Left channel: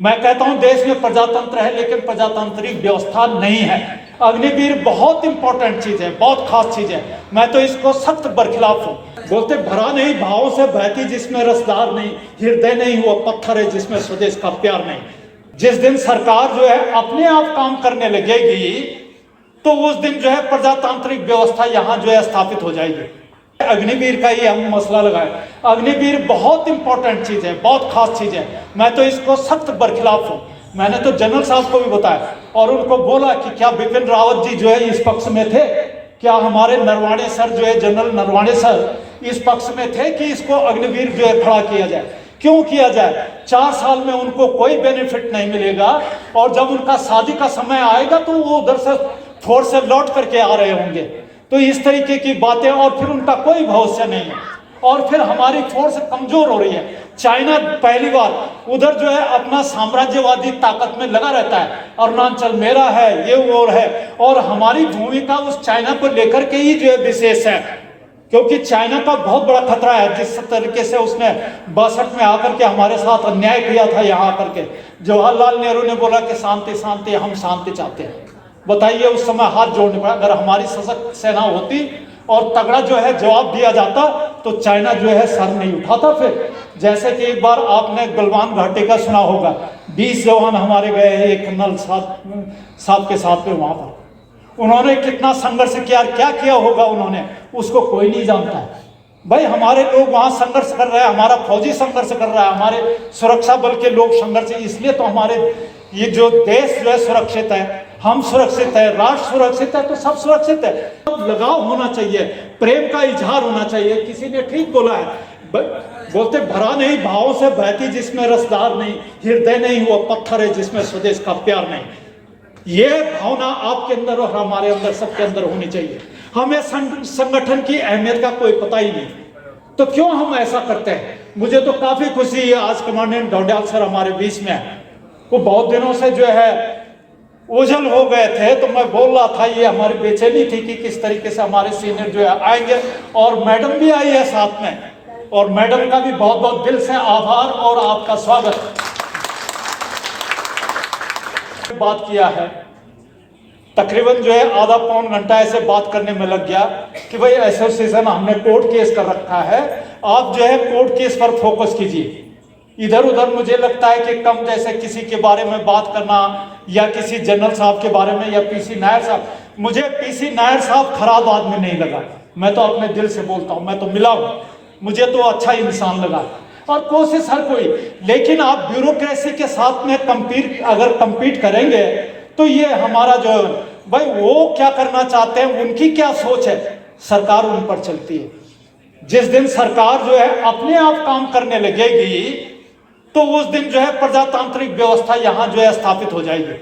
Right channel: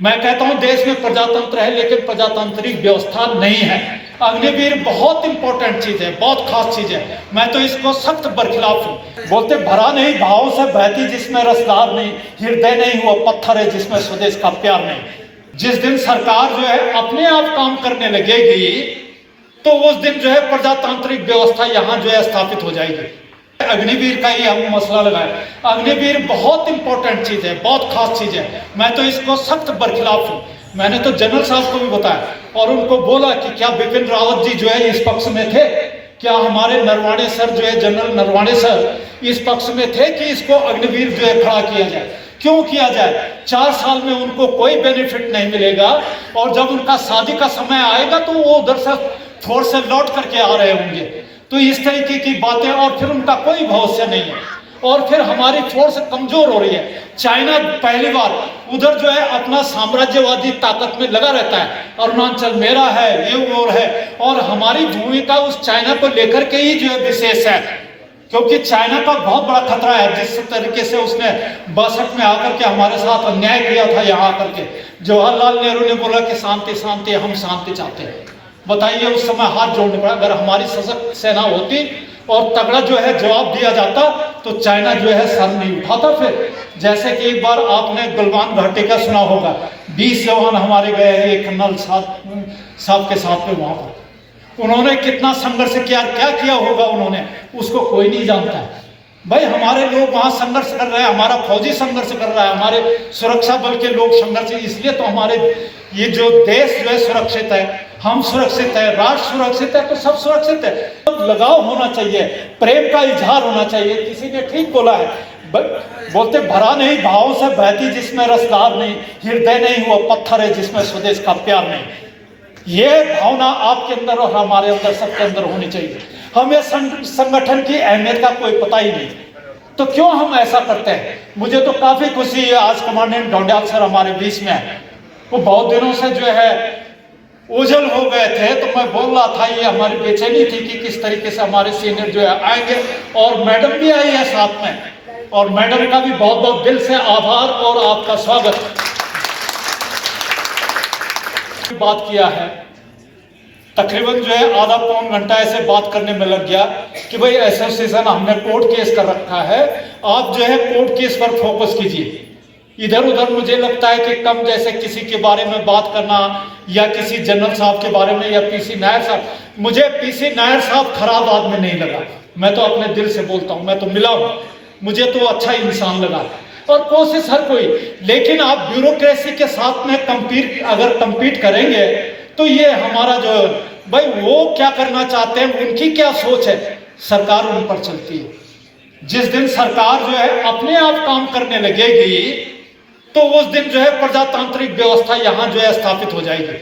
मैं कहता हूं देश में प्रजातंत्र है लेकिन प्रजातांत्रिक व्यवस्था नहीं है। अग्निवीर बहुत इंपॉर्टेंट चीज है, बहुत खास चीज है। मैं तो इसको सख्त बरखिलाफ हूँ। बोलते भरा नहीं भावों से बहती जिसमें रसदार नहीं, हृदय नहीं हुआ पत्थर है जिसमें स्वदेश का प्यार नहीं। जिस दिन सरकार जो है अपने आप काम करने लगेगी तो उस दिन जो है प्रजातांत्रिक व्यवस्था यहाँ जो है स्थापित हो जाएगी। अग्निवीर का ही हम मसला लगाए। अग्निवीर बहुत इंपॉर्टेंट चीज है, बहुत खास चीज है। मैं तो इसको सख्त बरखिलाफ हूँ। मैंने तो जनरल साहब को भी बताया और उनको बोला कि क्या बिपिन रावत जी जो है इस पक्ष में थे, क्या हमारे नरवाणे सर जो है जनरल नरवाणे सर इस पक्ष में थे कि इसको अग्निवीर जो है खड़ा किया जाए। क्यों किया जाए? 4 साल में उनको कोई बेनिफिट नहीं मिलेगा और जब उनका शादी का समय आएगा तो वो उधर से फोर्स से लौट करके आ रहे होंगे। तो इस तरीके की बातें, और फिर उनका कोई भरोसा नहीं है और फिर हमारी फोर्स कमजोर हो रही है। चाइना पहली बार उधर जो है अपना साम्राज्यवादी ताकत में लगा रहता है, अरुणाचल मेरा है, ये वो है, और हमारी भूमिका उस चाइना को लेकर के ही जो है विशेष है। क्योंकि चाइना का बहुत बड़ा खतरा है। जिस तरीके से उसने 62 में आकर के हमारे साथ अन्याय किया था, यहाँ आकर के जवाहरलाल नेहरू ने बोला कि शांति शांति, हम शांति चाहते हैं। बताइए उस समय हाथ जोड़ने पड़ा। अगर हमारी सशक्त सेना होती और तगड़ा जो है जवाब दिया जाता तो चाइना जो है सर नहीं उठाता। फिर जैसे कि एक बार आपने गलवान घाटी का सुना होगा, 20 जवान हमारे गए हैं एक कर्नल साहब के साथ में, वहां पर उन्होंने कितना संघर्ष किया, क्या किया होगा उन्होंने, उसको कोई नहीं जानता है। भाई हमारे लोग वहां संघर्ष कर रहे हैं, हमारा फौजी संघर्ष कर रहा है, हमारे सुरक्षा बल के लोग संघर्ष, इसलिए तो हमारे ये जो देश जो है सुरक्षित है, हम सुरक्षित है, राष्ट्र सुरक्षित है, तो सब सुरक्षित है। अब लगाव होना चाहिए, प्रेम का इजहार होना चाहिए। किसी ने ठीक बोला है, बोलते भरा नहीं भावों से बहती जिसमें रसदार नहीं, हृदय नहीं हुआ पत्थर है जिसमें स्वदेश का प्यार नहीं। ये भावना आपके अंदर और हमारे अंदर, सबके अंदर होनी चाहिए। हमें संगठन की अहमियत का कोई पता ही नहीं, तो क्यों हम ऐसा करते हैं? मुझे तो काफी खुशी है आज कमांडेंट ढोंडियाल सर हमारे बीच में है। वो बहुत दिनों से जो है उजल हो गए थे, तो मैं बोल रहा था ये हमारी बेचैनी थी कि किस तरीके से हमारे सीनियर जो है आएंगे, और मैडम भी आई है साथ में, और मैडम का भी बहुत बहुत दिल से आभार और आपका स्वागत। बात किया है तकरीबन जो है आधा पौन घंटा ऐसे बात करने में लग गया कि भाई एसोसिएशन हमने कोर्ट केस कर रखा है, आप जो है कोर्ट केस पर फोकस कीजिए। इधर उधर मुझे लगता है कि कम जैसे किसी के बारे में बात करना या किसी जनरल साहब के बारे में या पीसी नायर साहब, मुझे पीसी नायर साहब खराब आदमी नहीं लगा। मैं तो अपने दिल से बोलता हूँ, मैं तो मिला हूँ, मुझे तो अच्छा इंसान लगा। और कोशिश हर कोई, लेकिन आप ब्यूरोक्रेसी के साथ में अगर कंपीट करेंगे तो ये हमारा जो भाई वो क्या करना चाहते हैं, उनकी क्या सोच है, सरकार उन पर चलती है। जिस दिन सरकार जो है अपने आप काम करने लगेगी तो उस दिन जो है प्रजातांत्रिक व्यवस्था यहाँ जो है स्थापित हो जाएगी।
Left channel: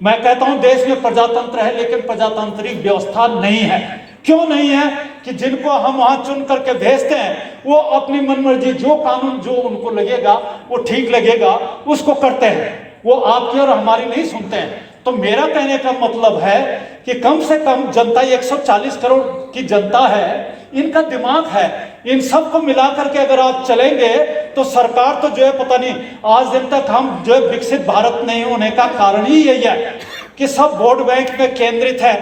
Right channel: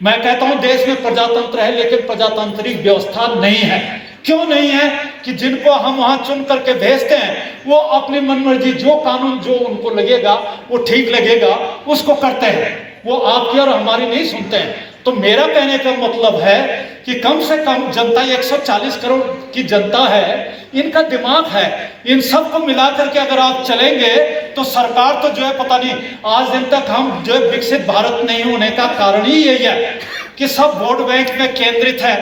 मैं कहता हूं देश में प्रजातंत्र है लेकिन प्रजातांत्रिक व्यवस्था नहीं है। क्यों नहीं है? कि जिनको हम वहां चुन करके भेजते हैं वो अपनी मनमर्जी, जो कानून जो उनको लगेगा वो ठीक लगेगा उसको करते हैं, वो आपकी और हमारी नहीं सुनते हैं। तो मेरा कहने का मतलब है कि कम से कम जनता 140 करोड़ की जनता है, इनका दिमाग है, इन सबको मिला करके अगर आप चलेंगे तो सरकार तो जो है पता नहीं आज दिन तक हम जो है विकसित भारत नहीं होने का कारण ही यही है कि सब वोट बैंक में केंद्रित है।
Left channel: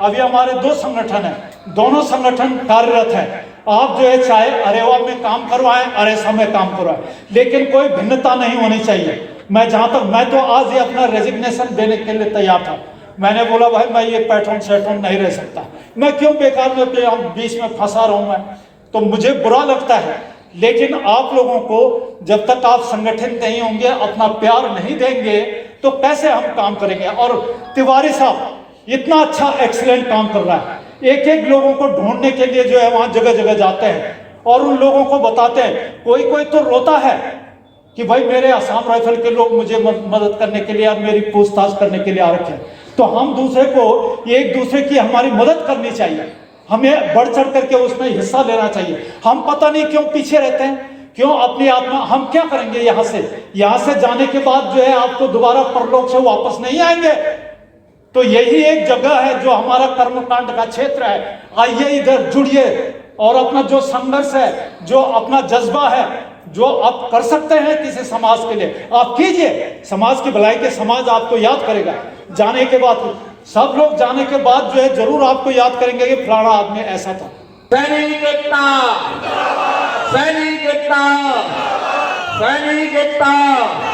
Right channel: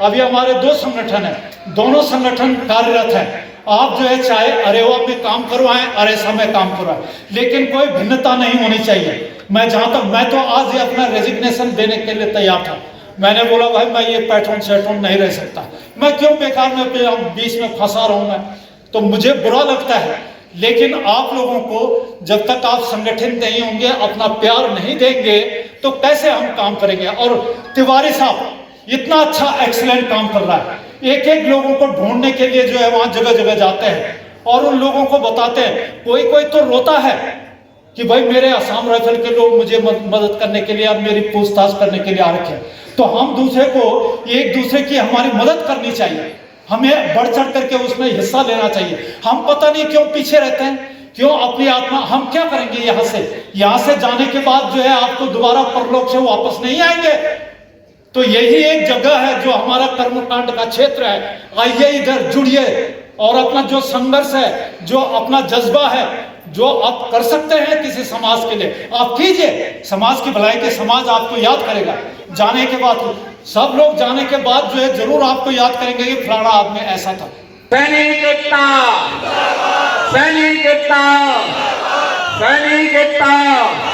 अभी हमारे 2 संगठन है, दोनों संगठन कार्यरत है। आप जो है चाहे अरेवा में काम करवाएं, अरेसा में काम करवाएं, लेकिन कोई भिन्नता नहीं होनी चाहिए। मैं जहां तक, मैं तो आज ही अपना रेजिग्नेशन देने के लिए तैयार था। मैंने बोला भाई मैं ये पैटर्न शैटर्न नहीं रह सकता, मैं क्यों बेकार में अपने बीच में फंसा रहूं मैं, तो मुझे बुरा लगता है। लेकिन आप लोगों को जब तक आप संगठित नहीं होंगे, अपना प्यार नहीं देंगे, तो कैसे हम काम करेंगे। और तिवारी साहब इतना अच्छा एक्सीलेंट काम कर रहा है, एक एक लोगों को ढूंढने के लिए जो है वहां जगह जगह जाते हैं और उन लोगों को बताते हैं। कोई कोई तो रोता है कि भाई मेरे असम राइफल के लोग मुझे मदद करने के लिए और मेरी पूछताछ करने के लिए आ रखे हैं। तो हम दूसरे को, एक दूसरे की हमारी मदद करनी चाहिए, हमें बढ़ चढ़ करके उसमें हिस्सा लेना चाहिए। हम पता नहीं क्यों पीछे रहते हैं, क्यों अपनी आत्मा, हम क्या करेंगे यहाँ से जाने के बाद जो है आपको दोबारा परलोक से वापस नहीं आएंगे। तो यही एक जगह है जो हमारा कर्मकांड का क्षेत्र है। आइए इधर जुड़िए और अपना जो संघर्ष है, जो अपना जज्बा है जो आप कर सकते हैं किसी समाज के लिए आप कीजिए। समाज की भलाई के समाज आपको याद करेगा। जाने के बाद सब लोग जाने के बाद जो है जरूर आपको याद करेंगे कि फलाना आदमी ऐसा था। सैनिक एकता, सैनिक एकता, सैनिक एकता।